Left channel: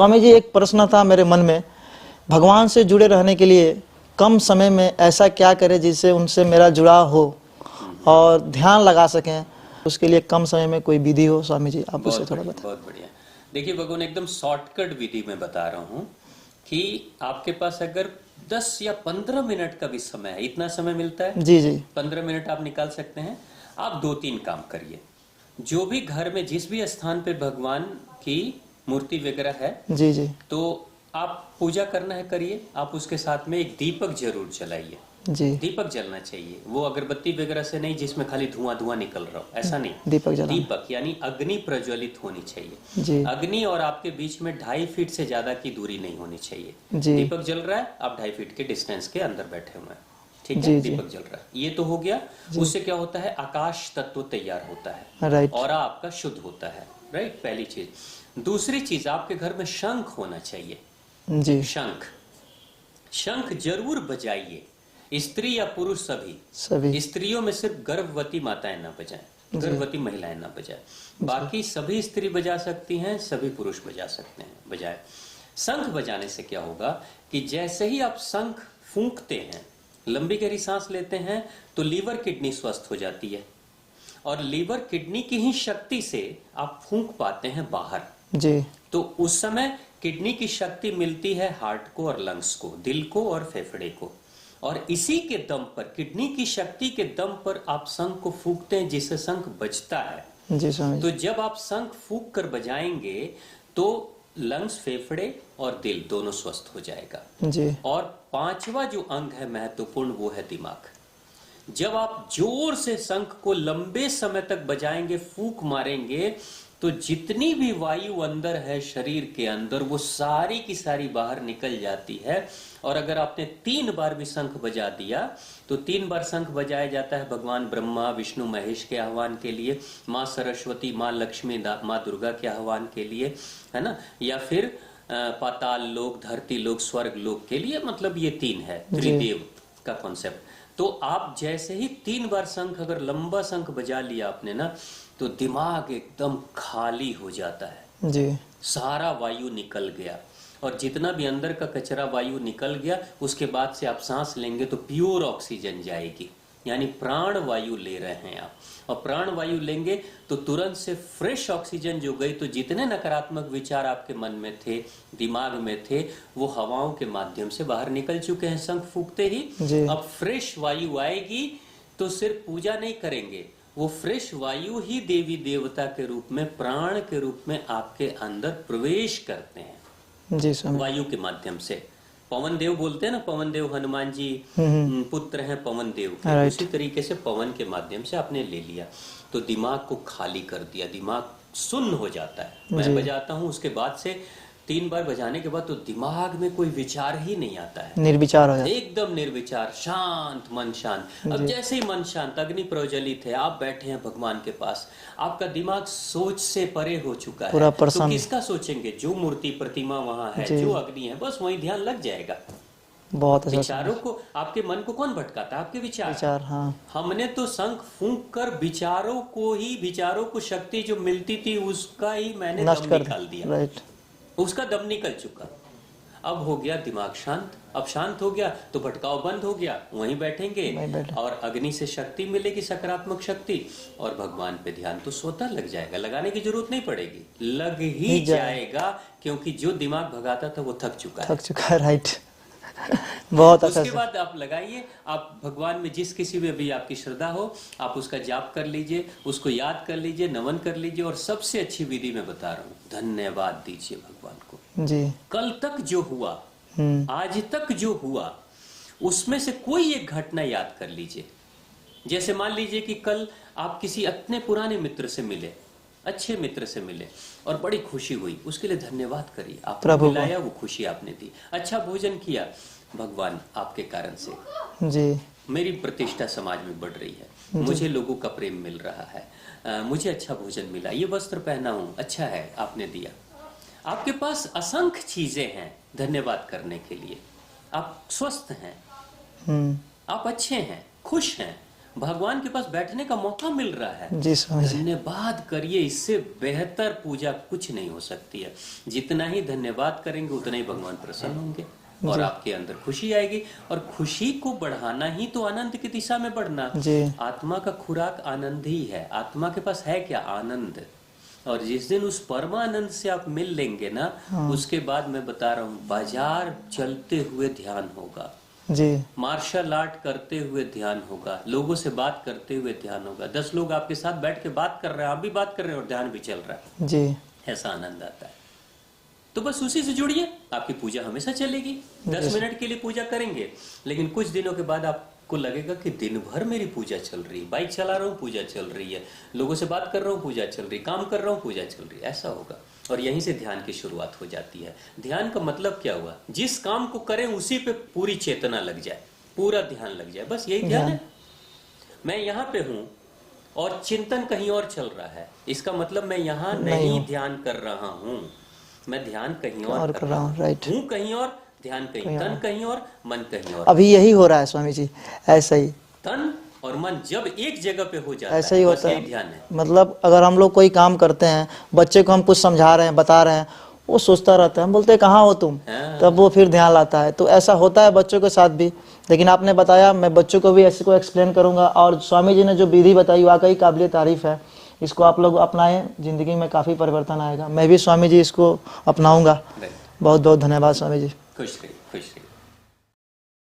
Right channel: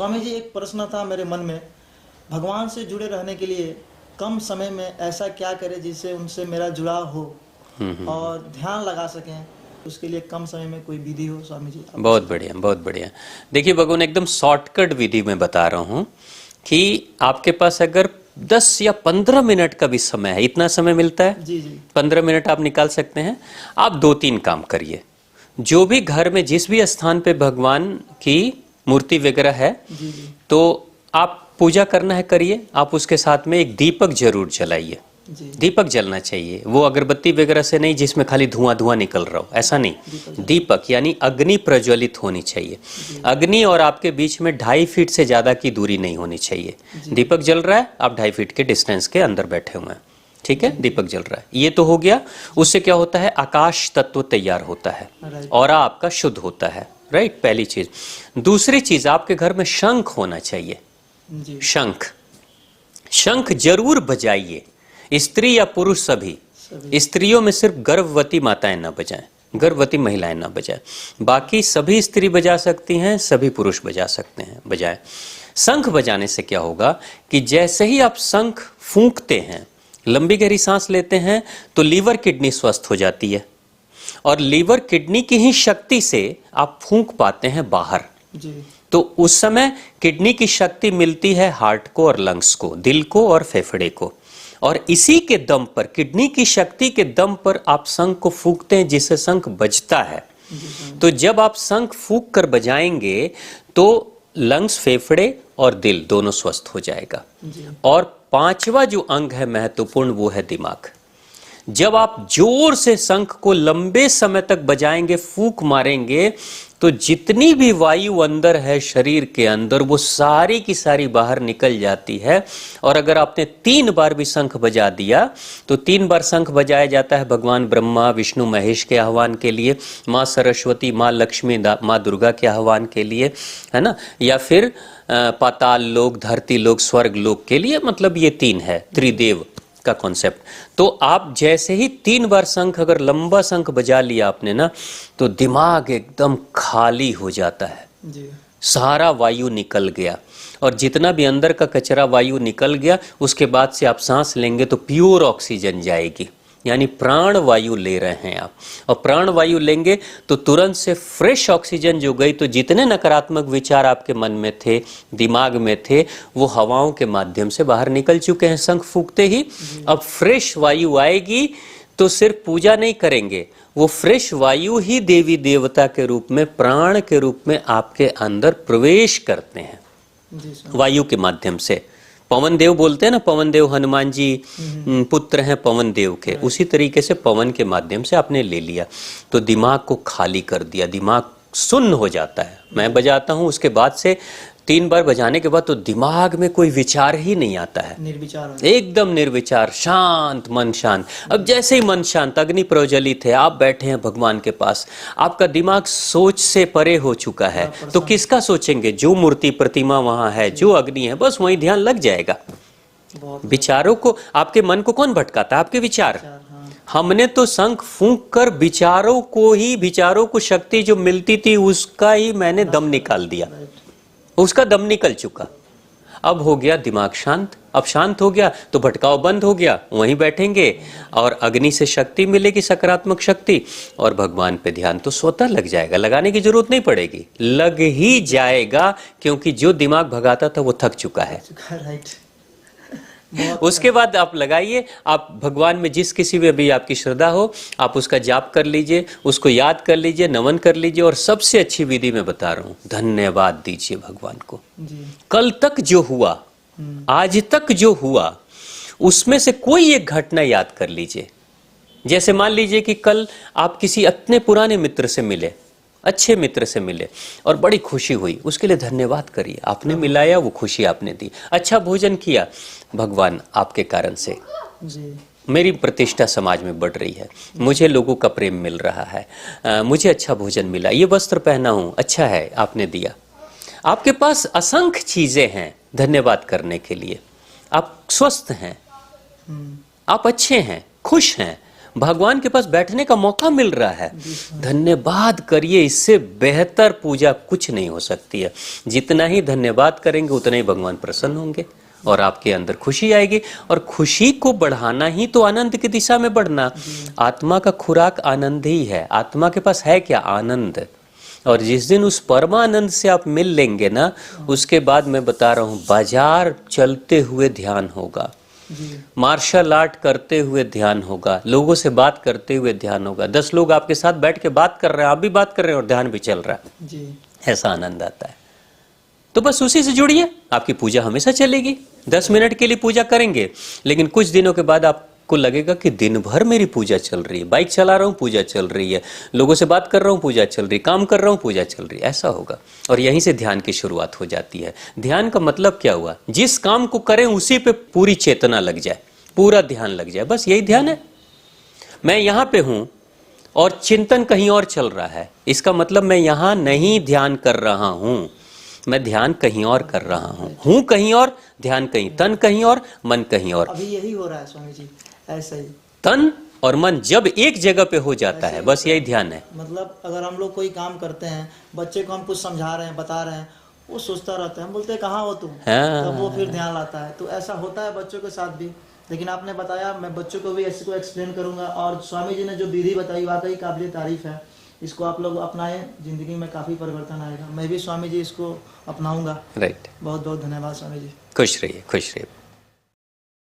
स्वामी जी, एक प्रश्न था मेरे मन में, भगवान से जुड़े रहने के लिए कम समय में ऐसा क्या करें जिससे उनसे मेरा जुड़ाव हो और ध्यान लगा सकें, उसके लिए कम समय में कोई विधि हो स्वामी जी? आप बहुत बढ़िया, बहुत बढ़िया। देखिए भगवान, एकदम शॉर्टकट विधि में बता रहा हूँ कि आपके पास अगर 10 या 15 मिनट का भी समय है, इतना समय मिलता है जी जी, 15 मिनट आप निकाल सकते हैं। आप 2-3 काम करिए। जो भी घर में जिस भी स्थान पे भगवान की मूर्ति वगैरह है, जी जी, तो आप पूजा करना है करिए। आप उसके साथ में एक दीपक जरूर जलाइए। जी, दीपक जलना चाहिए, वो अगरबत्ती वगैरह से नहीं जिसमें खाली धुआं धुआं निकल रहा हो, ऐसा नहीं। दीपक यानी अग्नि प्रज्वलित होनी चाहिए। जी अग्नि और आपके बीच में 2.5 फीट से ज्यादा की दूरी नहीं होनी चाहिए। जी, दीपक जल रहा है, आप 2.5 फीट के डिस्टेंस के अंदर बैठे हुए हैं, ठीक है? जी, जी। दीपक जल रहा है, ये तो हो गया। उससे क्या होता है, आकाश तत्व तैयार होता है, राइट, और आपका शुद्ध होता है, राइट? पहली चीज। दूसरी चीज, आपके घर में शंख होना चाहिए। जी, शंख, शंख जरूर बजाइए, स्त्री या पुरुष सभी। सभी, स्त्रियों में सिर्फ गर्भवती माताएं ना बजाएं, गर्भवती महिलाएं ना बजाएं, बाकी सभी स्त्री बजा सकती हैं, सभी पुरुष बजा सकते हैं, बजाएं। शंख बजाने से क्या होगा कि जैसे ही आप शंख फूंकते हैं, लंबी गहरी सांस लेते हैं, तो लीवर किडनी स्वस्थ हो जाती है, और लीवर किडनी की ही शक्ति से आप फूंक पाते हैं बाहर। जी, तो उस समय किडनी की शक्ति मिलती है हार्ट को और लंग्स को, दिल को और फेफड़े को, और इसी के दम पर, किडनी की शक्ति के दम पर आप शंख को फूंकते हैं, जिससे शंख बजता है। जी स्वामी जी, तो जब आप शंख फूंक कर बजाएंगे तो लंग्स, फेफड़े और दिल दोनों स्वस्थ हो जाएगा। जी, और 5वां जो अंग है महत्वपूर्ण, वो है दिमाग। जब आप जोर से शंख को लंबे समय तक बजाएंगे, फूंक मारेंगे, तो जितनी भी वायु अंदर है शरीर के अंदर, वो सारी की सारी बाहर निकल जाती है। और अगर आपने 3 बार भी शंख बजा दिया, तो 3 बार शंख बजाया जाता है भगवान ब्रह्मा, विष्णु, महेश के आह्वान के लिए, माँ सरस्वती, माँ लक्ष्मी, माँ दुर्गा के आह्वान के लिए, है ना, या फिर पाताल लोक, धरती लोक, स्वर्ग लोक के लिए। मतलब ये 3 है, त्रिदेव का कॉन्सेप्ट। तो आप जैसे ही 3 बार शंख, अगर लंबा शंख बजा लिया आपने ना, तो दिमाग एकदम खाली हो जाता है, जी, सारा वायु निकल गया, और जितना भी अंदर का कचरा वायु निकल गया, उसके बाद से आप सांस लेंगे तो प्योर ऑक्सीजन जाएगी, यानी प्राण वायु ले रहे हैं आप। और प्राण वायु लेंगे तो तुरंत से फ्रेश ऑक्सीजन जो गई, तो जितने नकारात्मक विचार आपके मन में थे, दिमाग में थे, वो हवाओं के माध्यम से बाहर निकल चुके हैं शंख फूंकते ही। अब फ्रेश वायु आएगी, तो सिर्फ पूजा नहीं करेंगे, वो फ्रेश वायु ही देवी देवता के रूप में, प्राण के रूप में आपके अंदर प्रवेश करते हैं, जी स्वामी, वायु के माध्यम से। पवन देव बोलते हैं ना, पवन देव हनुमान जी पुत्र हैं पवन देव के, उसी तरीके से पवन के माध्यम से आपने ले लिया, तो दिमाग को खाली कर दिया, दिमाग सुन्न हो जाता है। मैं बजाता हूँ, उसके बाद से 3 बार बजाने के बाद तो दिमाग में कोई विचार ही नहीं आता है, निर्विचार हो जाता है, एकदम निर्विचार, शांत मन, शांत। अब जैसे ही मन शांत, अग्नि प्रज्वलित है, आप बैठे हैं भगवान के पास, आपका दिमाग सोच से परे हो चुका है, तो किसका सोचेंगे? जो मूर्ति प्रतिमा वहां है, जो अग्नि है, बस वहीं ध्यान लग जाएगा। बहुत विचारों को, आपके मन को कौन भटकाता है? आपके विचार। हाँ, हमने तो शंख फूंक कर विचारों को ही, विचारों को शक्ति जो मिलती थी उसका ही मैंने दम निकाल दिया, राइट, उसका दम निकल चुका। अब हो गया दिमाग शांत। अब शांत हो गया तो भटकाव बंद हो गया, वहीं बैठेंगे और अग्नि से शक्ति मिलेगी, सकारात्मक शक्ति, और भगवान पे ध्यान तो स्वतः लग जाएगा, लगाने की जरूरत नहीं पड़ेगी, लग ही जाएगा, क्योंकि जो दिमाग भगाता था वो थक चुका है। राइट, बहुत। उसके बाद आप लगाइए, आप भगवान में जिस किसी में भी आपकी श्रद्धा हो, आप उसका जाप कर लीजिए, उसको याद कर लीजिए, नमन कर लीजिए, और सबसे अच्छी विधि मैं बता रहा हूँ, धन्यवाद दीजिए भगवान को। जी, कल तक जो हुआ, आज तक जो हुआ, उसमें से कोई एक घटना याद कर लीजिए। जैसे मान लीजिए कि कल आप किसी अपने पुराने मित्र से मिले, अच्छे मित्र से मिले, और बड़ी खुशी हुई, उसके लिए धन्यवाद करिए, आपने मिलाया, वो खुशी आपने दी। अच्छा भोजन किया, भगवान आपके कारण से जी, मेरी प्रतिष्ठा समाज में बढ़ रही है, मुझे लोगों का प्रेम मिल रहा है, मुझे अच्छा भोजन मिला, ये वस्त्र पहना हूं, अच्छा है आपने दिया। आपके पास असंख्य चीजें हैं धन्यवाद करने के लिए। आप स्वस्थ हैं, आप अच्छे हैं, खुश हैं, भगवान के पास बैठने का मौका मिल रहा है। जी स्वामी जी। धन्यवाद करिए, इससे बेहतर पूजा कुछ नहीं हो सकती है। जितना ही धन्यवाद करेंगे उतना ही भगवान प्रसन्न होंगे और आपके अंदर खुशी आएगी। और खुशी को बढ़ाना ही तो आनंद की दिशा में बढ़ना। जी। आत्मा का खुराक आनंद ही है। आत्मा के पास है क्या? आनंद। और जिस दिन उस परमानंद से आप मिल लेंगे ना, उसके बाद मैं बता रहा हूँ, बाजार चलते हुए ध्यान होगा, जी मार्शल आर्ट करते हुए ध्यान होगा, लोगों से बात करते हुए ध्यान होगा। 10 लोग आपके साथ बैठ के बात कर रहे हैं, आप भी बात कर रहे हैं और ध्यान भी चल रहा है। जी। ऐसा आनंद आता है। तो बस उसी से जुड़िए, आपकी पूजा हमेशा चलेगी। 10 मिनट के लिए पूजा करेंगे, लेकिन कुछ दिनों के बाद आपको लगेगा कि दिन भर मेरी पूजा चल रही है। बाइक चला रहा हूँ, पूजा चल रही है, लोगों से बात कर रहा हूँ, पूजा चल रही है, काम कर रहा हूँ, पूजा चल रही है। ऐसा होगा। और यहीं से ध्यान की शुरुआत हो जाती है। ध्यान का मतलब क्या हुआ? जिस काम को करें उसी पे पूरी चेतना लग जाए, पूरा ध्यान लग जाए, बस यही ध्यान है। मैं यहाँ पे हूँ और चिंतन कहीं और चल रहा है, इसका मतलब मैं यहाँ नहीं ध्यान कर रहा हूँ, मैं ध्यान कहीं और कर रहा हूँ कहीं और, ध्यान कहीं, तन कहीं और, मन कहीं और। अभी यही हो रहा है स्वामी जी, ऐसा ही। तन और मन जब एक जगह पे हो जाता ऐसे है, ही बस होता यही है। ध्यान है। मतलब अगर हम लोग कोई काम करते हैं, बच्चे को हम कुछ समझा रहे हैं, बता रहे हैं, वो सोचता रहता है, हम बोलते हैं कहाँ हो तुम, हाँ। तब वो फिर ध्यान लाता है। तो ऐसा होता है बच्चों के साथ भी। लेकिन आपने बताया, मैं बच्चों को भी ऐसे को एक्सप्लेन करूंगा। और स्वामी जी ने जो विधि बताई वाकई काबिल तारीफ है। इसको आप लोग अपनाएं, जिंदगी में काफ़ी परिवर्तन आएगा। मैं भी स्वामी जी इसको अपनाऊंगा। राइट। बहुत बहुत धन्यवाद स्वामी जी। खुश रहिए, खुश रहिए।